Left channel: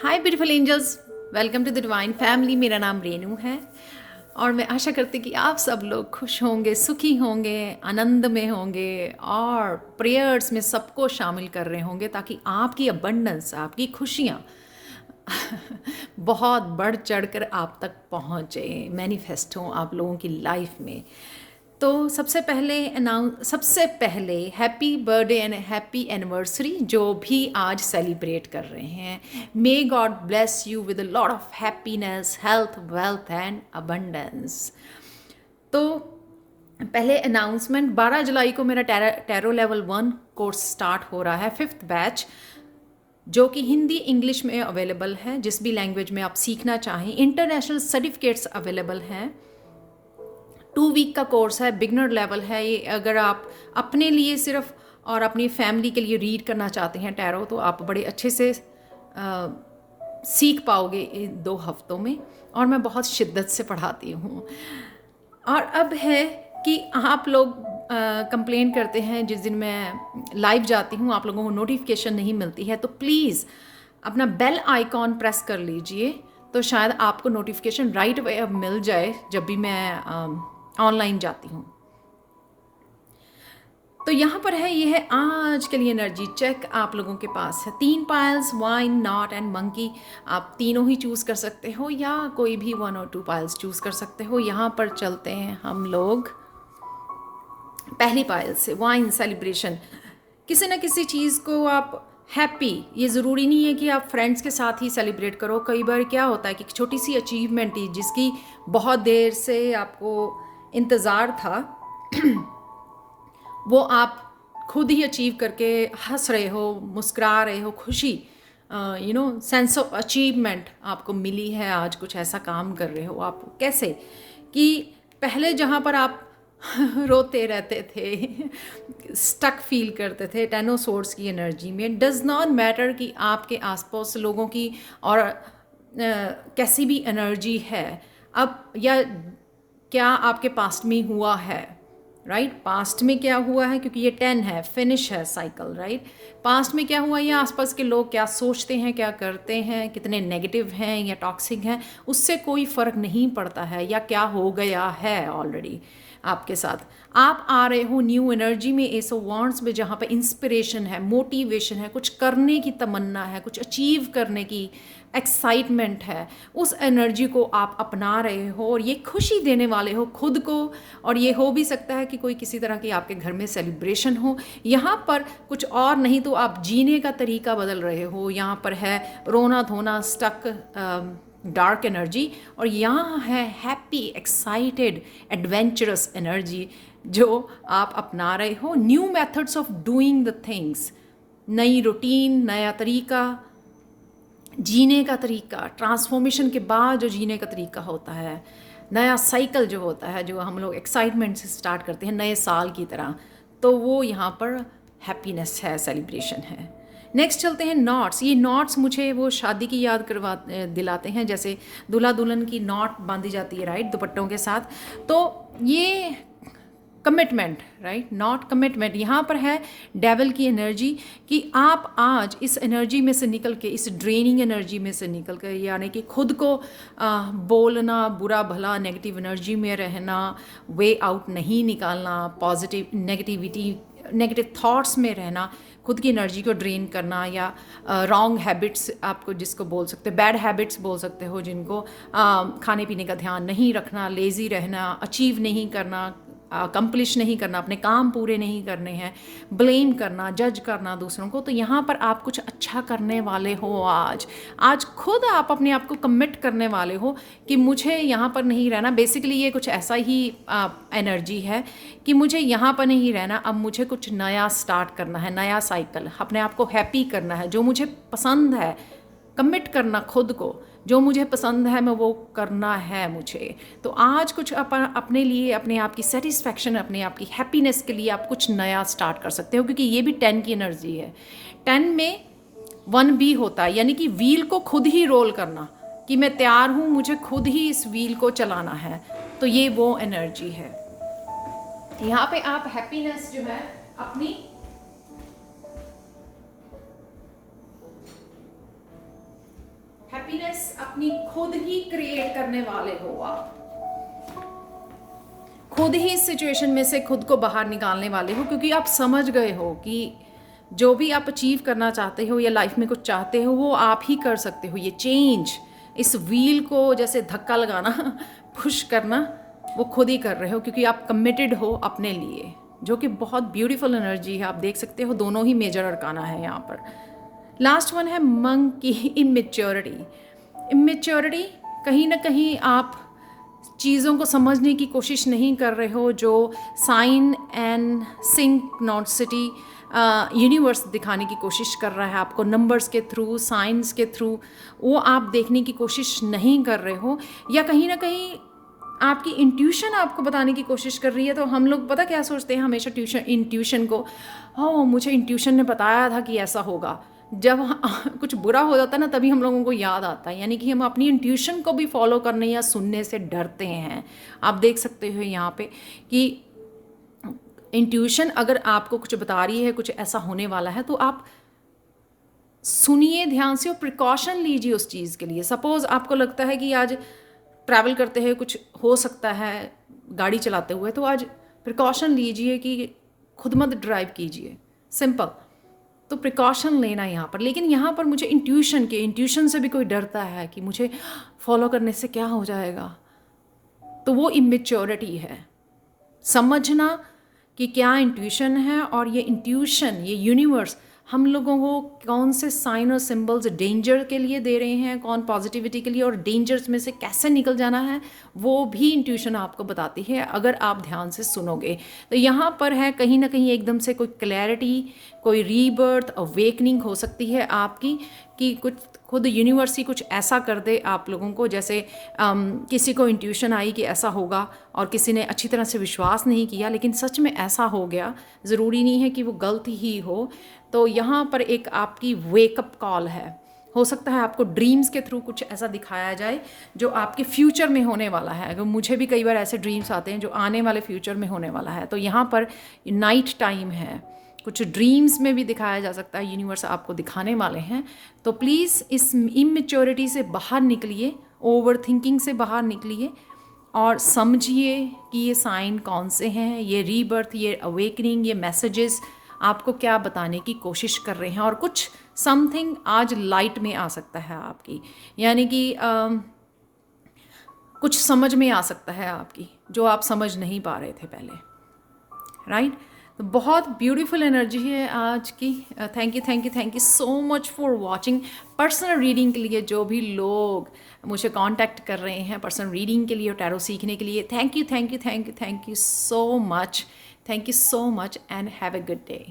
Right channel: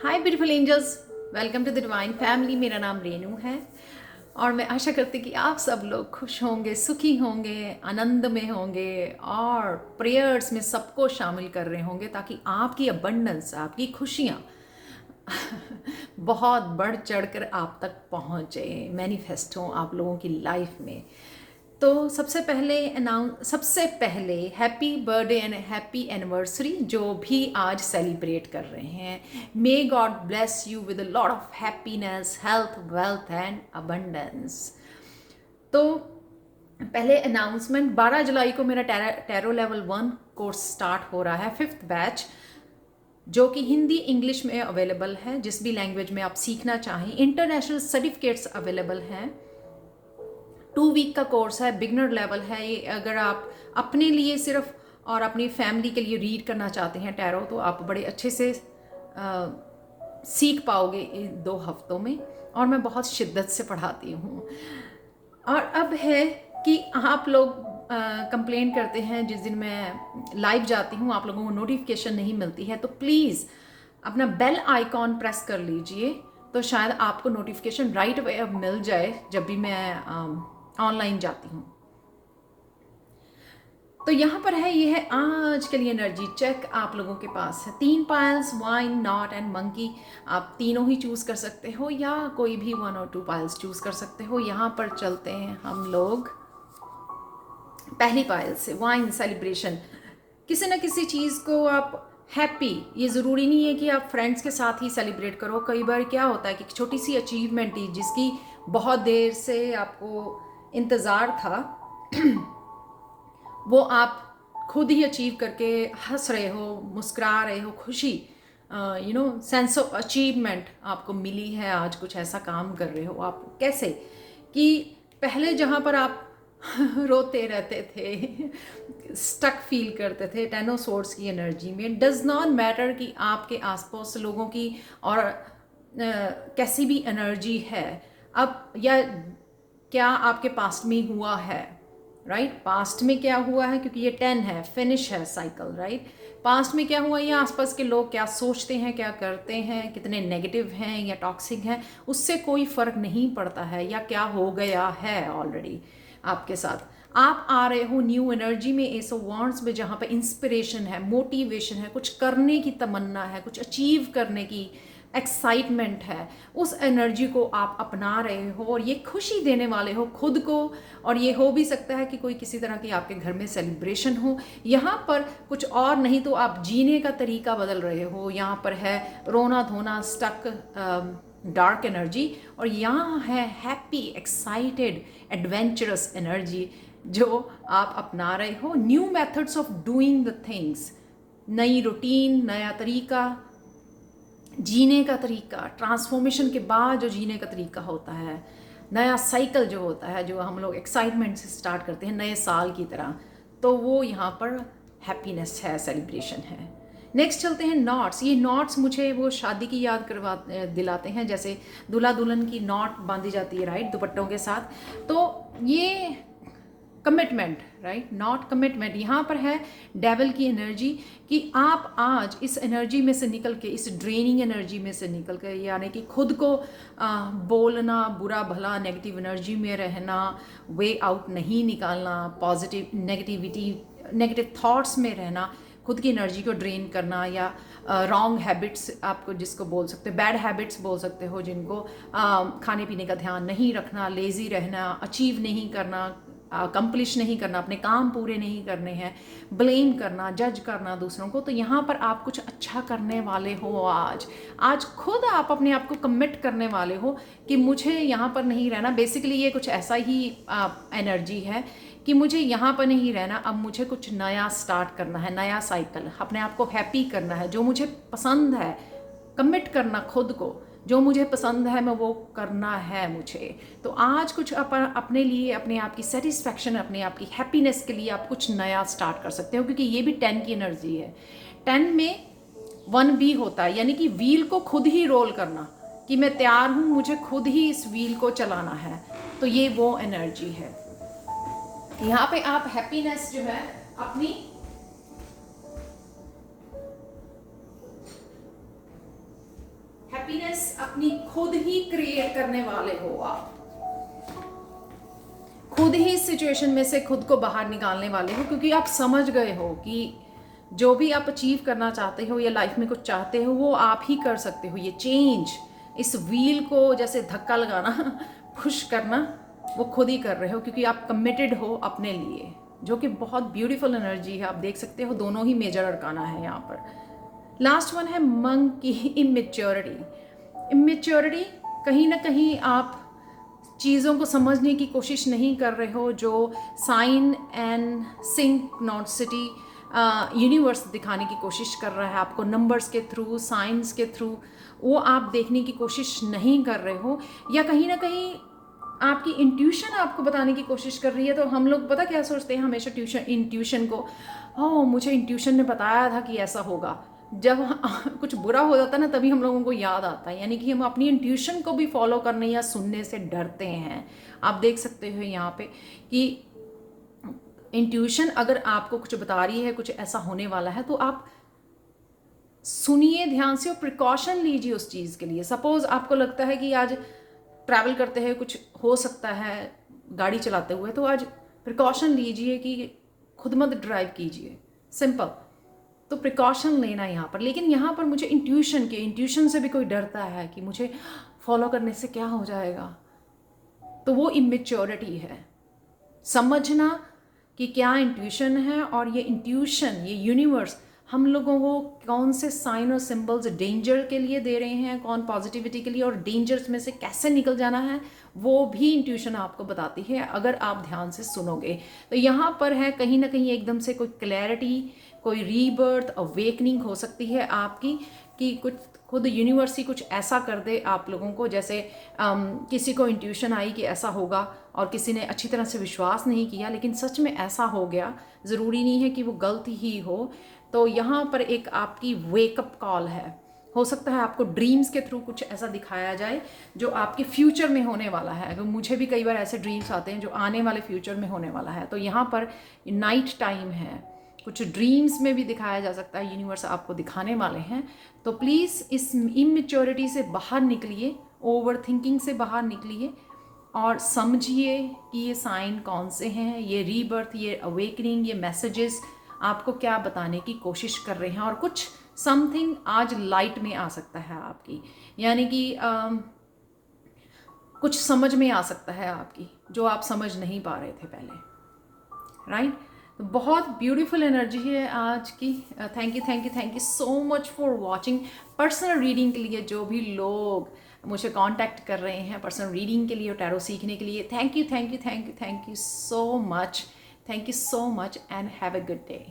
Hi beautiful angels, welcome to the divine family. मेरा नाम रेनू है और मैं आशा करती कि आप सब लोग खुश होंगे, सुखी होंगे, आनंद में होंगे और प्रेयर्स में सबको शामिल कर रहे होंगे ताकि आपकी अबंडेंस, आपकी खुशियाँ बहुत बढ़ चढ़कर आप तक पहुँचे, मैनिफेस्ट हों आप लोगों की लाइफ में। तो सबसे पहले happy birthday and happy anniversary जो भी आज सेलिब्रेट कर रहे हैं। May God bless you with a lot of happiness, health, wealth and abundance. तो पहले अनाउंसमेंट, 12 जुलाई को मेरा टैरो लेवल 1 कोर्स स्टार्ट हो रहा है, 5th बैच, जो कि हिंदी इंग्लिश में अवेलेबल है। जिस भी लैंग्वेज में आप सीखना चाहें, इंटरनेशनल सर्टिफिकेट्स अवेलेबल हैं। 2 वीक का कोर्स है, बिगनर लेवल है ये। अगर आप अपने लिए सिर्फ और अपनी फैमिली के लिए रीड करना चाहते हैं टैरो, तो आप बड़े अच्छे से सीख पाओगे इन 2 हफ्तों में। और मैं बहुत शिद्दत से पढ़ाती हूँ। और अब है कि आप लोग कंप्लेन करते हैं, जिस दिन मैं लाइव जाती हूँ आप लोगों को नोटिफिकेशन नहीं मिलती है, तो प्लीज़ अपना बेल आइकॉन प्रेस कर लीजिए, तो शायद आपको नोटिफिकेशन राइट अवे अब मिल जाए जब भी मैं ऑनलाइन जाती हूँ। तो यहाँ पर है, ये है आज के लिए एनर्जी चेक। आप लोगों के पास है 3 piles, wine, not and monkey. आप तीनों ही चूज़ कर सकते हो या कोई भी 1 और 2 पाइल्स चूज़ कर सकते हो। यहाँ पर चलते हैं हम लोग पहली पायल से, वाइन सेलिब्रेशन। किसी न किसी चीज़ को आप हैप्पी, ये ज़रूरी नहीं है कि आप फ्रेंड्स के साथ ही सेलिब्रेट करो। कई बार क्या होता है कि छोटी सी अचीवमेंट ही, जिसकी बहुत देर से आपको इंतज़ार था, वो आप खुद ही अचीव करके हंस रहे हो, मुस्कुरा रहे हो, खुशी, सेंस ऑफ अचीवमेंट आपको मिली है। आज कुछ ऐसा काम कर रहे हो आप, कैसे कि पहले जहाँ पर आप रोते रहते थे, स्टक फील करते थे 10 ऑफ सोर्ड्स की एनर्जी में। डज नॉट मैटर कि आपके आसपास लोगों की और कैसी भी एनर्जी है अब, या क्या आपके पास्ट में हुआ है, राइट? पास्ट में क्या हुआ है, क्योंकि ये 10 है, फिनिश है साइकिल, राइट? पास्ट में क्या हुआ, ये आसपास के लोग क्या सोचते हैं, क्या करते हैं, कितने नेगेटिव हैं या टॉक्सिक हैं, उससे कोई फ़र्क नहीं पड़ता है। या क्या हो गया है ऑलरेडी आपके साथ। आप आ रहे हो न्यू एनर्जी में, एस ऑफ वांड्स में, जहाँ पे इंस्पिरेशन है, मोटिवेशन है, कुछ करने की तमन्ना है, कुछ अचीव करने की एक्साइटमेंट है। उस एनर्जी को आप अपना रहे हो और ये खुशी देने वाले हो खुद को। और ये हो भी सकता है कि कोई किसी तरह की आपके घर में सेलिब्रेशन हो। यहाँ पर कुछ और नहीं तो आप जीने का तरीका बदल रहे हो। यहाँ पर है रोना धोना, स्टक, डार्क एनर्जी, और यहाँ है हैप्पी, एक्साइटेड, एडवेंचरस एनर्जी जो आप अपना रहे हो। New methods of doing the things, नई रूटीन, नया तरीका, जीने का तरीका, ट्रांसफॉर्मेशन के बाद जो जीने का तरीका होता है, नया साइकिल जो होता है, जो हम लोग एक्साइटमेंट से स्टार्ट करते हैं नए साल की तरह, तो वो यहाँ पर हैप्पीनेस है, सेलिब्रेशन है। नेक्स्ट चलते हैं नॉट्स। ये नॉट्स मुझे वो शादी की याद दिलाते हैं, जैसे दूल्हा दुल्हन की नॉट बांधी जाती है, राइट, दुपट्टों के साथ। तो ये कमिटमेंट, राइट, नॉट कमिटमेंट। यहाँ पर है डेविल की एनर्जी कि आप आज इस एनर्जी में से निकल के, इस ड्रेनिंग एनर्जी में से निकल के, यानी कि खुद को बोलना, बुरा भला नेगेटिव एनर्जी में रहना, वे आउट नहीं निकालना, पॉजिटिव नेगेटिव थॉट्स में रहना, खुद की एनर्जी को ड्रेन करना, या रॉन्ग हैबिट्स आपको जिसको बोल सकते हो, बैड हैबिट्स बोल सकते हो, जिनको खाने पीने का ध्यान नहीं रखना, लेज़ी रहना, अचीव नहीं करना, अकम्प्लिश नहीं करना, अपने काम पूरे नहीं करने हैं, ब्लेम करना, जज करना दूसरों को। तो यहाँ पर आप कुछ अच्छा करने वाले हो आज खुद आप अपने आप को कमिट करने वाले हो कि मुझे यहाँ पर नहीं रहना। बेसिकली ये कुछ ऐसा ही एनर्जी है कि मुझे यहाँ पर नहीं रहना, अब मुझे कुछ नया स्टार्ट करना है, नया साइकिल, अपने आप को हैप्पी करना है, जो मुझे पसंद है, कमिट करना खुद को, जो मुझे पसंद है मैं वो करना है मुझे। तो आज कुछ अपने लिए, अपने आप की सेटिस्फैक्शन, अपने आप की हैप्पीनेस के लिए आप कुछ नया स्टार्ट कर सकते हो, क्योंकि ये भी 10 की एनर्जी है। 10 में 1 भी होता है, यानी कि व्हील को खुद ही रोल करना, कि मैं तैयार हूँ, मुझे खुद ही इस व्हील को चलाना है। तो ये वो एनर्जी है। यहाँ पे आप हैप्पीनेस जो है अपनी हैप्पीनेस अपनी खुद ही क्रिएट करने वाले हो आप, खुद ही इस सिचुएशन में से खुद को बाहर निकालने वाले हो, क्योंकि आप समझ गए हो कि जो भी आप अचीव करना चाहते हो या लाइफ में कुछ चाहते हो वो आप ही कर सकते हो। ये चेंज, इस व्हील को जैसे धक्का लगाना पुश करना, वो खुद ही कर रहे हो, क्योंकि आप कमिटेड हो अपने लिए, जो कि बहुत ब्यूटीफुल एनर्जी है। आप देख सकते हो दोनों ही मेजर अरकाना है यहाँ पर। लास्ट वन है मंक की इमेच्योरिटी। इमेच्योरिटी, कहीं ना कहीं आप चीज़ों को समझने की कोशिश नहीं कर रहे हो, जो साइन एंड सिंक्रोनिसिटी यूनिवर्स दिखाने की कोशिश कर रहा है आपको नंबर्स के थ्रू, साइंस के थ्रू, वो आप देखने की कोशिश नहीं कर रहे हो, या कहीं ना कहीं आपकी इंट्यूशन आपको बताने की कोशिश कर रही है। तो हम लोग पता क्या सोचते हैं हमेशा इंट्यूशन को, ओह मुझे इंट्यूशन ने बताया था कि ऐसा होगा। जब कुछ बुरा हो जाता है ना, तभी हम लोगों को याद आता है, यानी कि हम अपनी इंट्यूशन को भी फॉलो करने या सुनने से डरते हैं। आप देख सकते हो यहाँ पे कि इंट्यूशन अगर आपको कुछ बता रही है कुछ ऐसा होने वाला है, तो आप सुनिए ध्यान से और प्रिकॉशन लीजिए उस चीज़ के लिए। सपोज आपको लगता है कि आज ट्रैवल करते हुए कुछ हो सकता है गाड़ी चलाते हुए, तो आज प्रिकॉशन लीजिए कि खुद मत ड्राइव कीजिए, सिंपल। तो प्रिकॉशन लेना यहाँ पर। लेकिन यहाँ पर मुझे इंट्यूशन से भी कोई डरता है कि मुझे फॉलो करने से क्या हो जाएगा, तो वो इमेच्योरिटी है। समझना कि क्या इंट्यूशन है, और ये इंट्यूशन, ये यूनिवर्स हम लोगों को कौन से साइन और सिंबल्स डेंजर के लिए दे रहे हैं, कौन पॉजिटिविटी के लिए, और डेंजर्स में से कैसे निकल जाना है, वो भी इंट्यूशन आपको बताती है अगर आप ध्यान से सुनोगे। तो यहाँ पर है कहीं ना कहीं एकदम से कोई क्लैरिटी, कोई रीबर्थ, अवेकनिंग हो सकती है आपकी, कि कुछ खुद यूनिवर्स ही कुछ ऐसा कर दे आप लोगों को। जैसे किसी को इंट्यूशन आई कि ऐसा होगा और किसी ने अच्छी तरह से विश्वास नहीं किया, लेकिन सच में ऐसा हो गया, ज़रूरी नहीं है कि वो गलती ही हो। तो यहाँ पर एक आपकी वेकअप कॉल है। हो सकता है आपको ड्रीम्स के थ्रू कुछ ऐसा दिखाया जाए जो आपके फ्यूचर में होने वाला है। अगर मुझे भी कई बार ऐसे ड्रीम्स आते हैं जो आने वाले फ्यूचर में होने वाला है। तो यहाँ पर नाइट टाइम है, कुछ ड्रीम्स में भी दिखाया जा सकता है, यूनिवर्स आपको दिखाने वाले हैं। तो प्लीज़ इस इमेच्योरिटी से बाहर निकलिए, ओवर थिंकिंग से बाहर निकलिए, और समझिए कि ये साइन कौन से हैं, ये रीबर्थ, ये अवेकनिंग, ये मैसेजेस आपको क्या बताने की कोशिश कर रहे हैं। और कुछ समथिंग आज लाइट में आ सकता है आपकी, यानी कि कुछ समझ में आ सकता है आपकी, जो आप समझ नहीं पा रहे थे पहले, राइट। तो बहुत ब्यूटीफुल एनर्जी है आज की। Thank you so much for watching. Personal reading के लिए जो भी लोग मुझे कांटेक्ट कर रहे हैं पर्सनल रीडिंग के लिए और टैरो सीखने के लिए, thank you so much, and have a good day.